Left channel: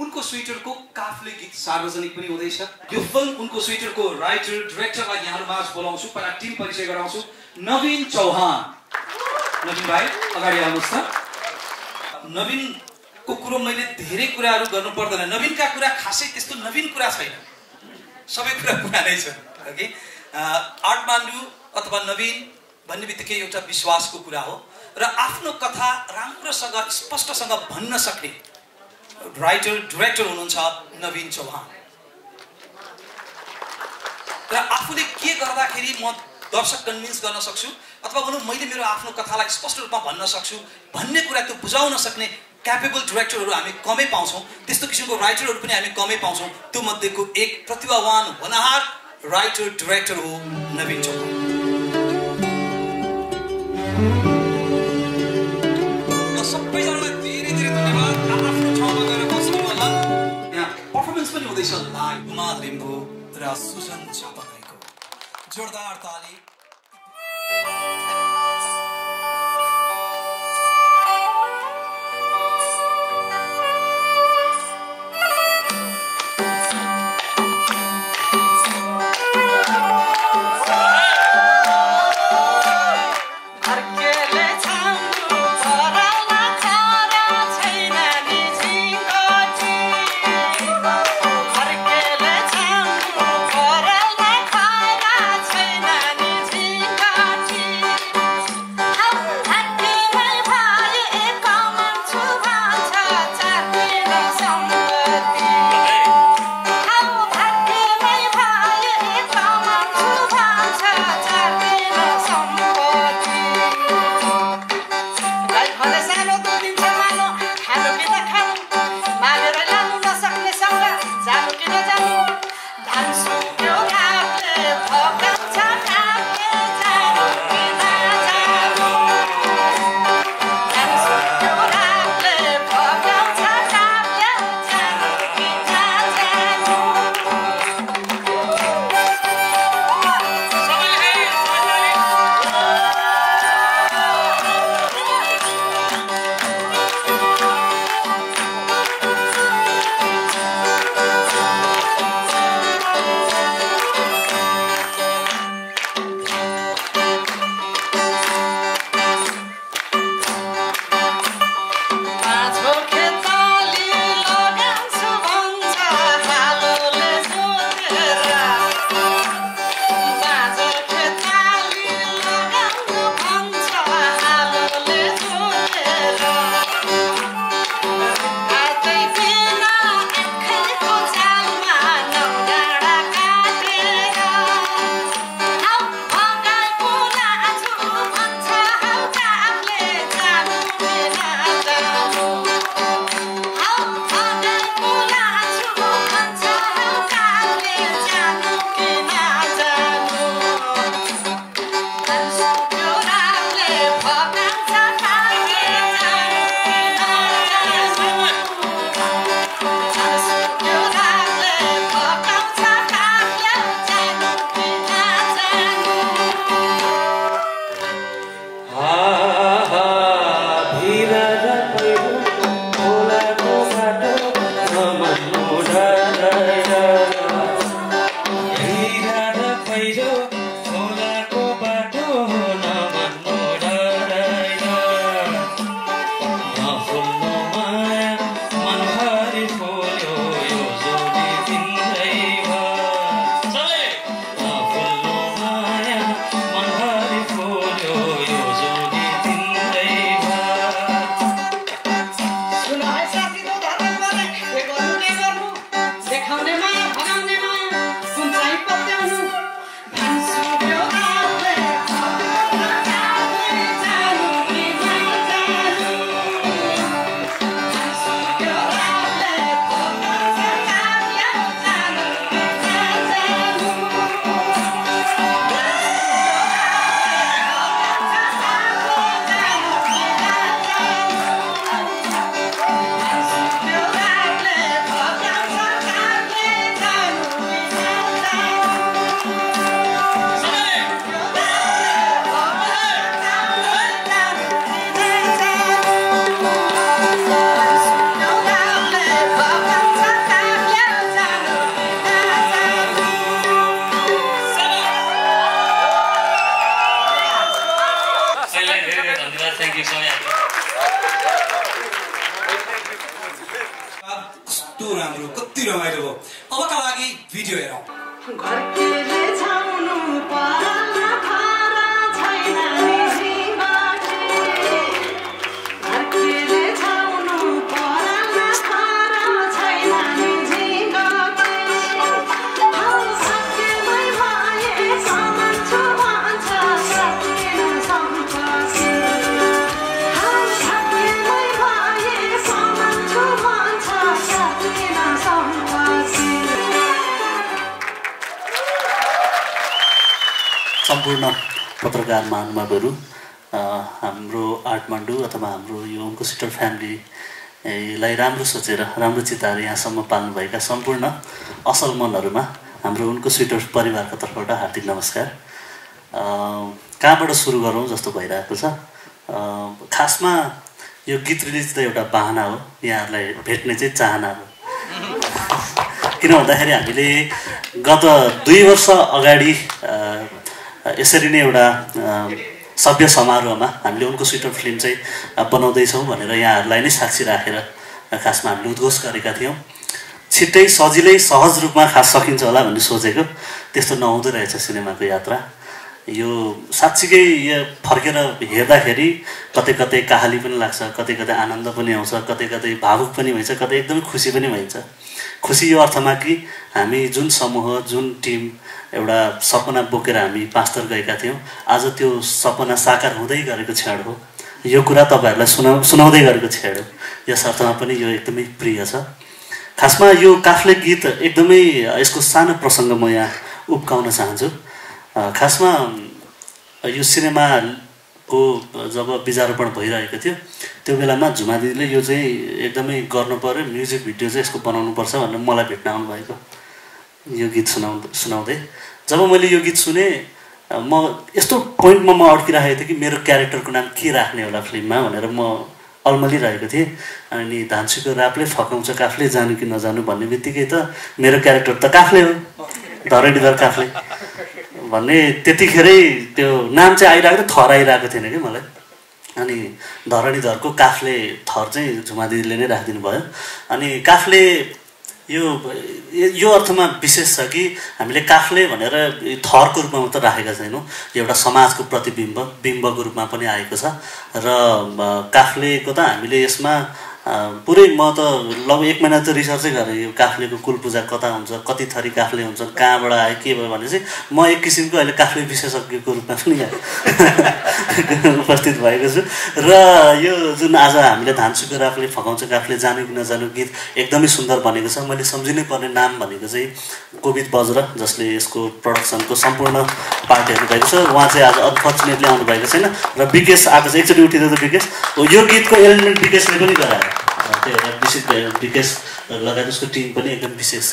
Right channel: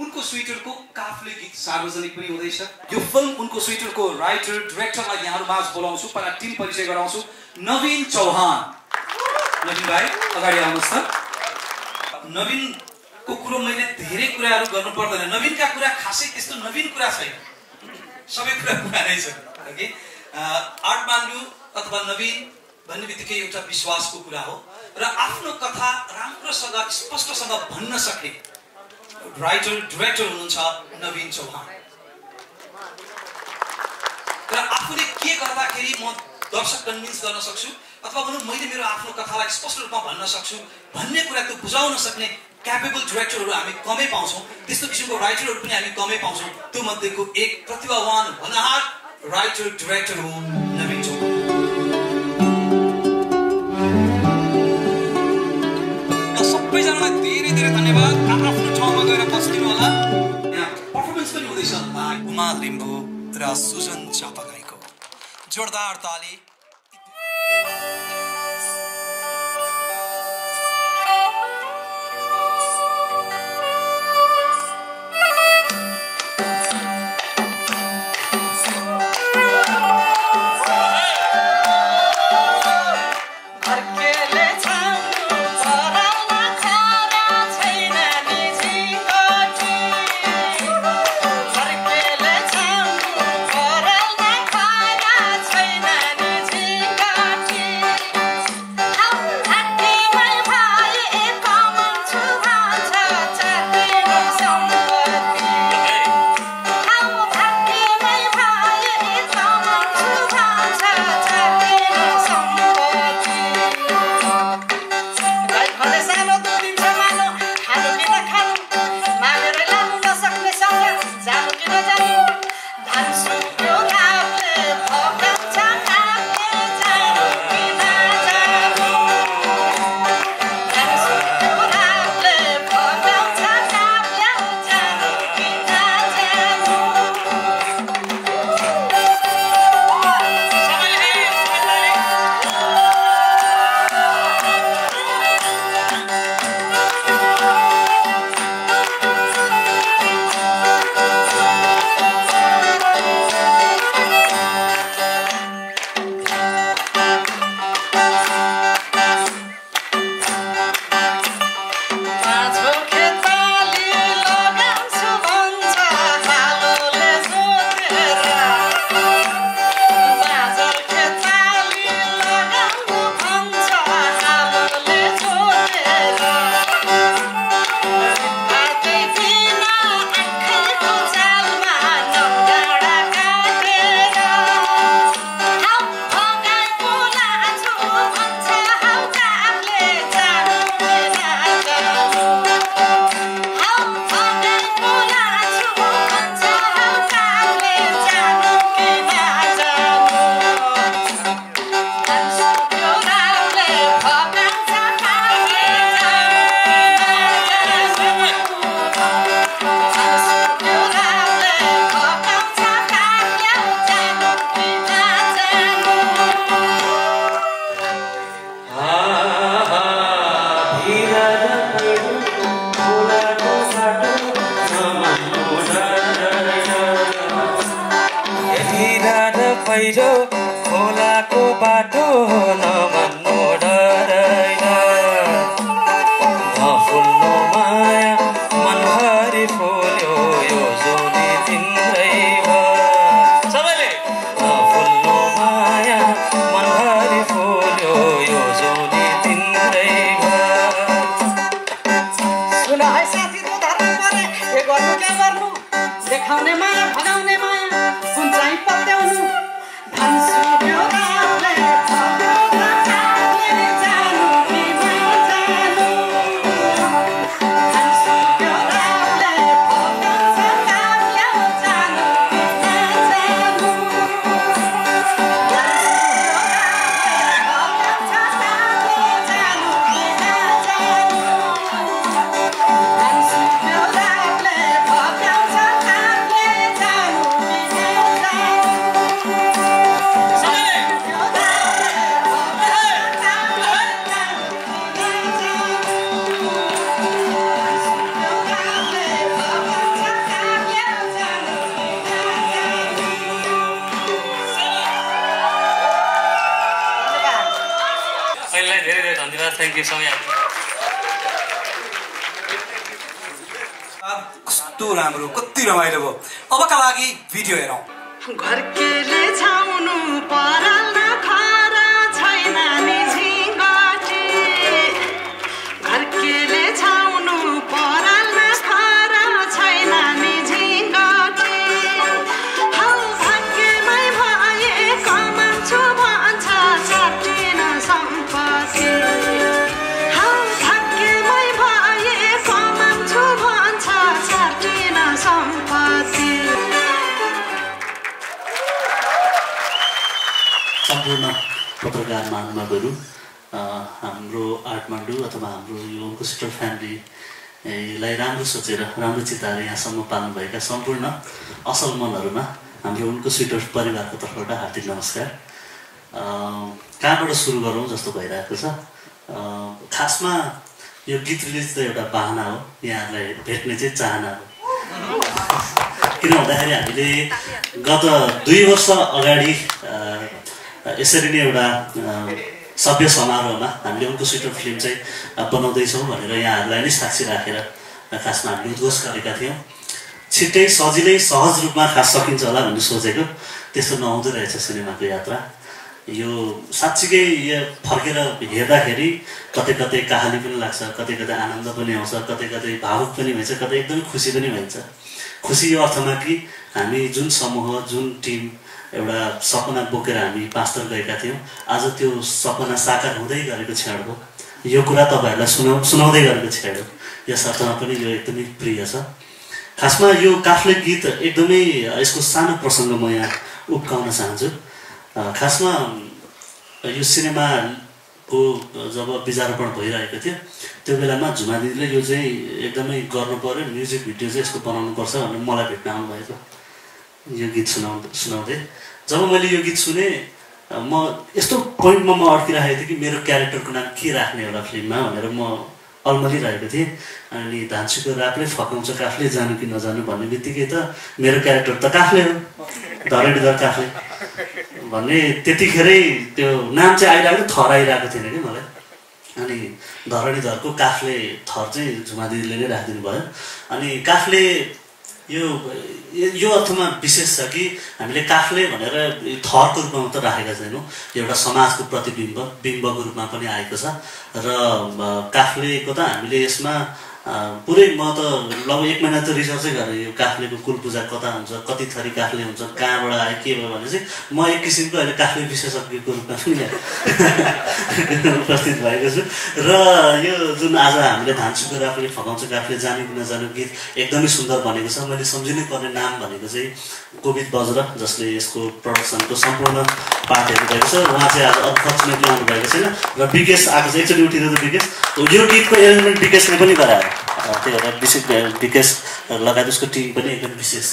उनको स्वेटरको काफले गीत सार्वजनिक पनि हुँदैछ। यो फिल्म उनको स्वेटरको राइटर डाइरेक्टरलाई यहाँहरुमाझ बोलाउँछु, पहिला टिम परिचय गराउँछु। नवीन चौहान, नवीन भाइ अगाडि आउनुहोस् त। नवीनको कुरो मैले धेरै कुराहरु गर्नु पर्दैन, नवीनका कुरा खासै त्यस्तो नवीन कुरा छैन, सबै कुरा पुरानै छ। ओके, आर्ट मान्डु अथवा नवीन भन्ने बित्तिकै एउटा विश्वासको कुरा हो र आफ्नो कथा राम्रोसँग स्पष्टसँग भन्न सक्ने राइटर डाइरेक्टर हुनुहुन्छ नवीन चौहान। र आफूले के गर्दाखेरि म दर्शक कन्भिन्स गर्न सक्छु अथवा भनौँ मैले मेरो आफ्नो कथालाई स्पष्ट रूपमा भन्न सक्छु भन्ने कुरा त्यो बुझाउन सक्ने क्यापेबल डाइरेक्टरहरू हामी कमै पाउँछौँ, त्यस्तो किसिमको राइटरहरू पनि हामी कमै पाउँछौँ। त्यो मध्येको एक प्रतिभावान होनहार राइटर डाइरेक्टर हो नवीन चौहान। सबैजनालाई धेरै धेरै धन्यवाद। आफ्नो ठाउँमा गएर बस्नु होला। यहाँ पर्फर्मेन्स पनि हुँदैछ उमा लिम्बू र सुजन चापागाईको जोरदार ताली। धन्यवाद थ्याङ्क यू समय कस्तो राम्रो कति रमाइलो भयो अबका लागि भिडियो हेरौँ घरकेले छाउनु पराल खारा छैन नि झिङ्गटी घरकेले छाउनु पराल खारा छैन नि झिङ्गटी हौ भाग्यमै भए कमान्छु भन्छ सकिन सम्पत्ति हौ भाग्यमै भए कमान्छु भन्छ सकिन सम्पत्ति सम्पूर्ण पत्रकार महानुभावहरू हाम्रो आर्टमान्डु अथवा हाम्रो यो उनकोसिटर फ्यामिलीलाई राम्रो सोचेर राम्रो चिताएर यहाँसम्म पाल्नुभएका सम्पूर्ण असल मनहरूमा हाम्रो उनकोसिटर परिवारको तर्फबाट हार्दिक नमस्कार कहाँबाट सुरु गरौँ जस्तो भइरहेको छ खासमा यो गीत रिलिज त एउटा बाहना हो यहाँहरूलाई भेट्ने चाहिँ चाहना हो किन भन्दाखेरि हामीले गत 2 वर्ष अगाडि यसरी नै एउटा सभ्य समारोहमा हामीले उनकोसिटर फिल्म चाहिँ बनाउँदैछौँ भनेर यहाँहरूलाई नै साक्षी राखेर खासमा हामीले उद्घोष गरेका थियौँ छिट्टै सजिलै सहज रूपमा खास सकिन्छ होला भन्ने सोचेको त्यस्तो नहुँदो रहेछ सिनेमाको यात्रा यो साँच्चीकै यो फर्केर हेर्दाखेरि कतै कतै कहाली पनि लाग्छ कतै कतै आनन्द पनि आउँछ कतै कतै भावुक पनि हुन्छ कतै एकदमै खुसी पनि हुन्छ खुसी यो अर्थमा कि हामी जुन समूह जुन टिम एउटा सपना बोकेर हामी 5 थर गएका थियौँ आज त्यो सपना साकार हुँदै गरेको क्षण हो यो कुरा तपाईँहरूलाई सुनाउँदै गरेको क्षण हो यस अर्थमा पनि यो एकदमै प्रिय छ खासमा यो काफ्ले गीत एकदमै यसको सानो प्रसङ्ग म यहाँ उब्काउन चाहन्छु खासमा यो सिनेमाको जब बिजारोपण भइरहेको थियो त्यो बेलामा झुमा दिदीले यो चाहिँ एकदमै गर्नु पर्यो म्युजिक भिडियो चाहिँ यसको बनाउनु पर्छ भनेर मलाई भेट्न आउनुभएको यो गीत सुनाउँदै जब मैले यो गीत सुने म यस्तो पोइन्टमा म अड्किरहेको थिएँ कि मेरो क्यारेक्टरको नाम के राख्ने होला फिल्ममा भनेर म अल्मलिरहेको थिएँ अनि धान्सीको रापले फकाउँछ काफले जानु कि नजानु भन्ने बित्तिकै त मेरो क्यारेक्टर त काफले हो धरणीधर काफले भन्ने त्यतिखेरै त्यो नाम चाहिँ आइरहेको थियो थर आइरहेको थिएन कि मलाई अनि धरणीधरको काफले थर चाहिँ झुमा दिदीले नै राखिदिनु भयो अनि काफले यो अर्थमा विशेष छ कि हामीले काफले भनेर थरको रूपमा मात्र राखेका छैनौँ एउटा समाजको बिम्बको रूपमा पनि आएको छ र काफलेको त हामीले यसमा पुरै म त लगभग 1 महिना त रिसर्चै गरेँ यो काफ्लेको कुल पूजा कता हुन्छ कति थरी काफ्ले हुन्छ कहाँबाट आयो के भयो भने चाहिँ म एक किसिमको अहिले काफ्ले विशेषज्ञको रूपमा पनि उपस्थित भएको छु र यो जुन आज हामीले धान्सीको राफले फकाउँछ काफ्ले जानु कि नजानु गीत एकदमै सुन्दर बनेको छ मैले सम्झिनै पर्ने नाम भनेको चाहिँ कोविद बज्र जसले यसको प्रोडक्सनको सम्पूर्ण पार्टहरू भएको छ उहाँ चाहिँ आज अनफर्चुनेटली आउनु भएको छैन र विकेश आएको चाहिँ एकचोटि उठिदिएको विकेश यो गीतको एलिमेन्ट विकेशले पनि गरायो त्यो एउटा विशेष विकेश लगायत उसको टिम पनि एकदम विशेष छ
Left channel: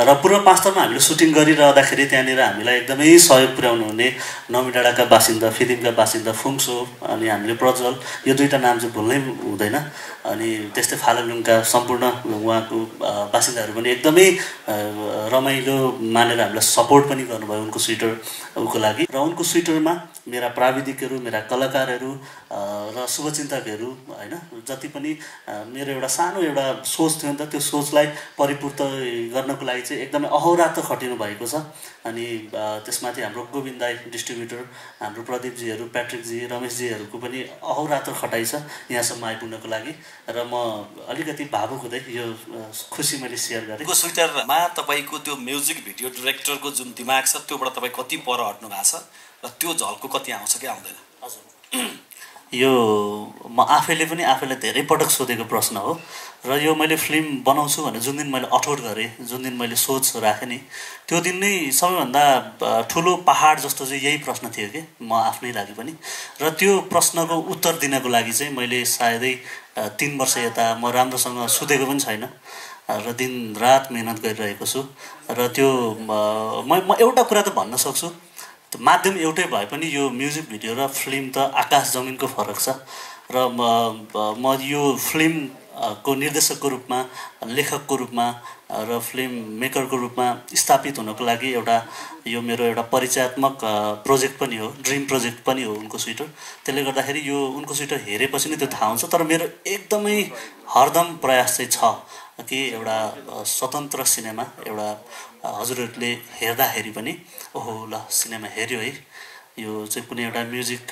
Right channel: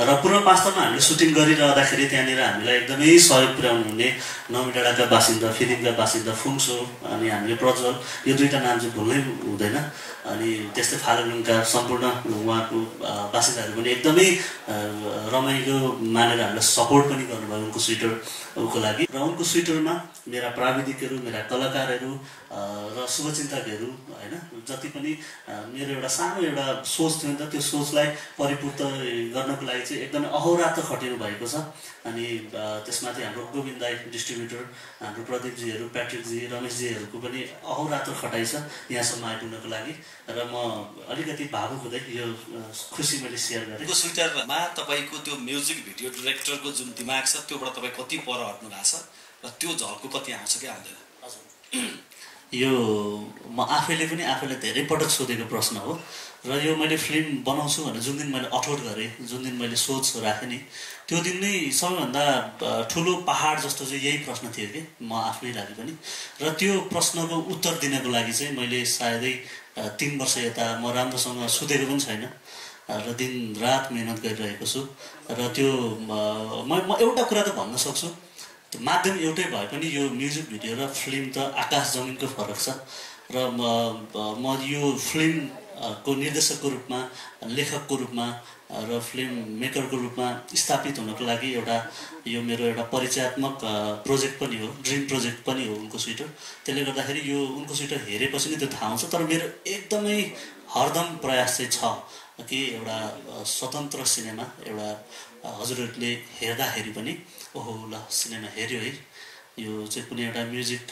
र पूर्व 5 थरमा हामीले सुटिङ गरिरहँदाखेरि त्यहाँनिर हामीलाई एकदमै सहयोग पुर्याउनु हुने नौमीडाँडाका बासिन्दा फिलिमका बासिन्दा फुङसो अनि हामीले प्रज्वल यो दुईटा नाम चाहिँ भुल्नै हुँदैन अनि त्यस्तै फालुङका सम्पूर्ण उहाँको बासिन्दाहरू पनि एकदमै रमाइलो मानेर हामीलाई सपोर्ट पनि गर्नुभयो उनको स्विटरको लागि र उनको स्विटरमा मेरा प्राविधिकहरू मेरा कलाकारहरू र शुभचिन्तकहरू हैन जति पनि मेरो एउटा सानो एउटा सोच थियो नि त त्यो सोचलाई परिपूर्त गर्नको लागि चाहिँ एकदमै अहोरात्र खटिनु भएको छ अनि त्यसमाथि हाम्रो गोविन्द दाई डिस्ट्रिब्युटर हाम्रो प्रदीपजीहरू प्याट्रिकजी रमेशजीहरूको पनि अहोरात्र खटाइ छ यहाँसम्म आइपुग्नको लागि र म अलिकति भावुक हुँदै यो खुसी मैले सेयर गरेँ। को स्विटरमा तपाईको त्यो म्युजिक भिडियो डाइरेक्टरको जुन दिमाग छ त्योबाट तपाईँ कति पर हट्नु भएको छ र त्यो झल्को कति आउँछ कि आउँदैन? हजुर यो म आफैले पनि आफैलाई धेरै पटक सोधेको प्रश्न हो र यो मैले फिल्म बनाउँछु भने जुन दिन मैले अठोट गरेँ जुन दिन मैले सोच राखेँ नि त्यो दिन नै सबैभन्दा ठुलो पहाड जस्तो चाहिँ यही प्रश्न थियो कि म आफ्नै लागि पनि र त्यो प्रश्नको उत्तर दिनको लागि चाहिँ मैले सायदै 3 वर्ष यता म राम्रोसँग सुतेको पनि छैन र दिन रात मेहनत गरिरहेको छु र त्यो म एउटा कुरा त भन्न सक्छु माध्यम एउटै भए पनि यो म्युजिक भिडियो र फिल्म त आकाश जमिनको फरक छ र म यो फिल्म को निर्देशकको रूपमा, लेखकको रूपमा र फिल्म मेकरको रूपमा स्थापित हुनको लागि एउटा यो मेरो एउटा परिचयात्मक प्रोजेक्ट पनि हो, ड्रिम प्रोजेक्ट पनि हो उनको स्वेटर। त्यसले गर्दाखेरि यो उनको स्वेटर हेरेपछि नै त्यो थाहा हुन्छ। तर मेरो एकदमै हरदम प्रयास चाहिँ छ कि एउटा स्वतन्त्र सिनेमा, एउटा हजुरहरूले हेर्दाखेरि पनि ओहो ल सिनेमा हेऱ्यो है, यो चाहिँ कुनै एउटा म्युजिक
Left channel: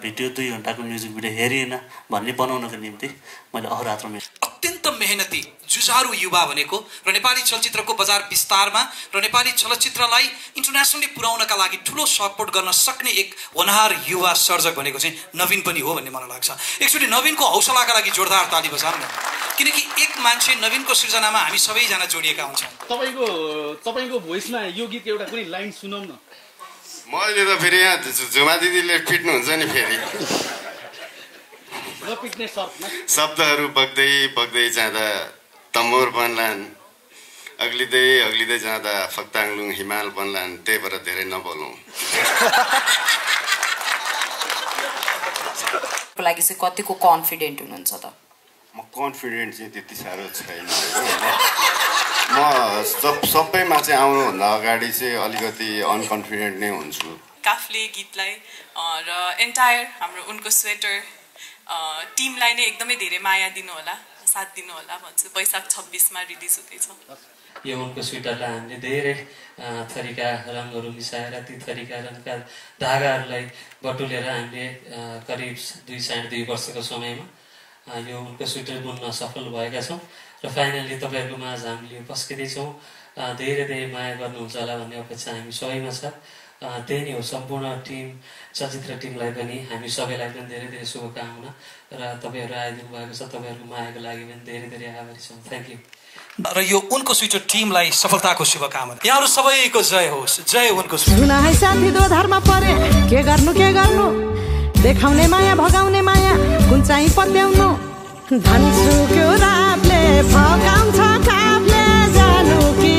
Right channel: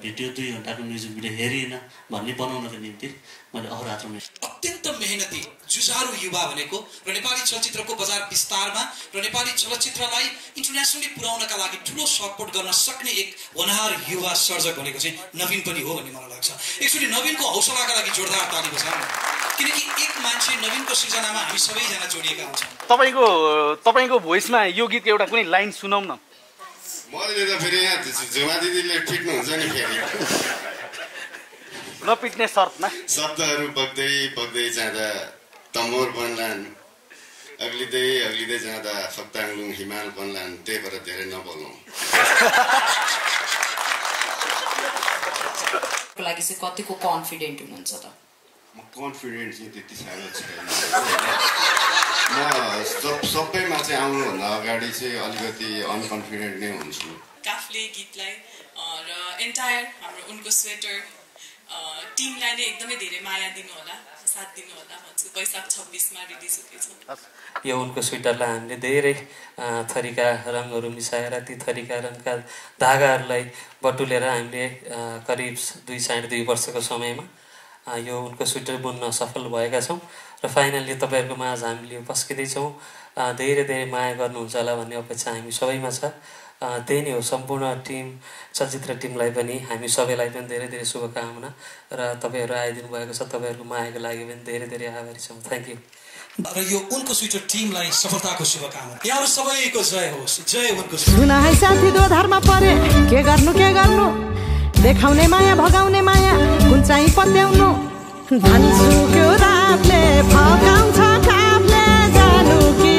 भिडियो 2 घन्टाको म्युजिक भिडियो हेरिएन भन्ने बनाउनको निम्ति मैले अहोरात्र अत्यन्त मेहनती जुझारु युवा भनेको र नेपाली चलचित्रको बजार विस्तारमा र नेपाली चलचित्रलाई इन्टरनेसनली पुर्याउनका लागि ठुलो सपोर्ट गर्न सक्ने एक होनहार युवा सर्जक भनेको चाहिँ नवीन पनि हो भन्ने मलाई लाग्छ। एक्चुअली नवीनको हौसलाका लागि जोरदार ताली बजाउँ, किनकि एक मान्छे नवीनको सृजनामा हामी सबैजना जोडिएका हुन्छौँ। तपाईको भोइसमा यो गीत एउटा कुनै लाइन सुनाउँ न। मैले त फेरि यहाँ झुमा दिदीले पिट्नुहुन्छ नि, फेरि नपिट्ने शर्तमा शब्दहरू बग्दै बग्दै जाँदा तमोर बन्लान्, अग्लिँदै जाँदा फक्ताङलुङ हिमाल बन्लान्, त्यही भएर धेरै नबोलौँ। को लागि चाहिँ कतिको कन्फिडेन्ट हुनुहुन्छ त? म कन्फिडेन्ट चाहिँ त्यति साह्रो छैन। म सबैमा चाहिँ आउनुभन्दा अगाडि चाहिँ अलिकति अनकन्फिडेन्ट नै हुन्छु। काफले गीतलाई र एन्टायर हाम्रो उनको स्वेटर टिमलाई नै एकदमै धेरै माया दिनु होला, साथ दिनु होला भन्छु। वैशाख 26 मा रिलिज हुँदैछ। यो उनको स्वेटरलाई हामीले धेरै थरीका रङहरू मिसाएर ती थरीका रङका धागाहरूलाई बटुलेर हामीले करिब 2.5 वर्षको समयमा यो उनको स्वेटर बुन्न सफल भएका छौँ र फाइनल्ली तपाईँहरूको माझ हामीले पस्किँदैछौँ। धेरै धेरै माया गर्नुहुन्छ होला भन्ने अपेक्षा हामी सबैमा छ। त्यही नै हो। सम्पूर्ण टिम, चलचित्र टिमलाई पनि, हामी सबैलाई पनि धेरै धेरै शुभकामना र तपाईँहरू आइदिनु भएको छ। तपाईँहरूको मायाको लागि पनि धेरै धेरै आभारी छौँ। Thank you. र यो उनको स्वेटर टिमलाई सफलताको शुभकामना। यहाँहरू सबैको जय होस्। जय उनको। सुन है साथी दोधारमा परे, के गर्नु देखाउने माया भगाउने माया कुन चाहिँ पत्याउनु, धनसुक्यो रातले फकाउँछ कापले जानु कि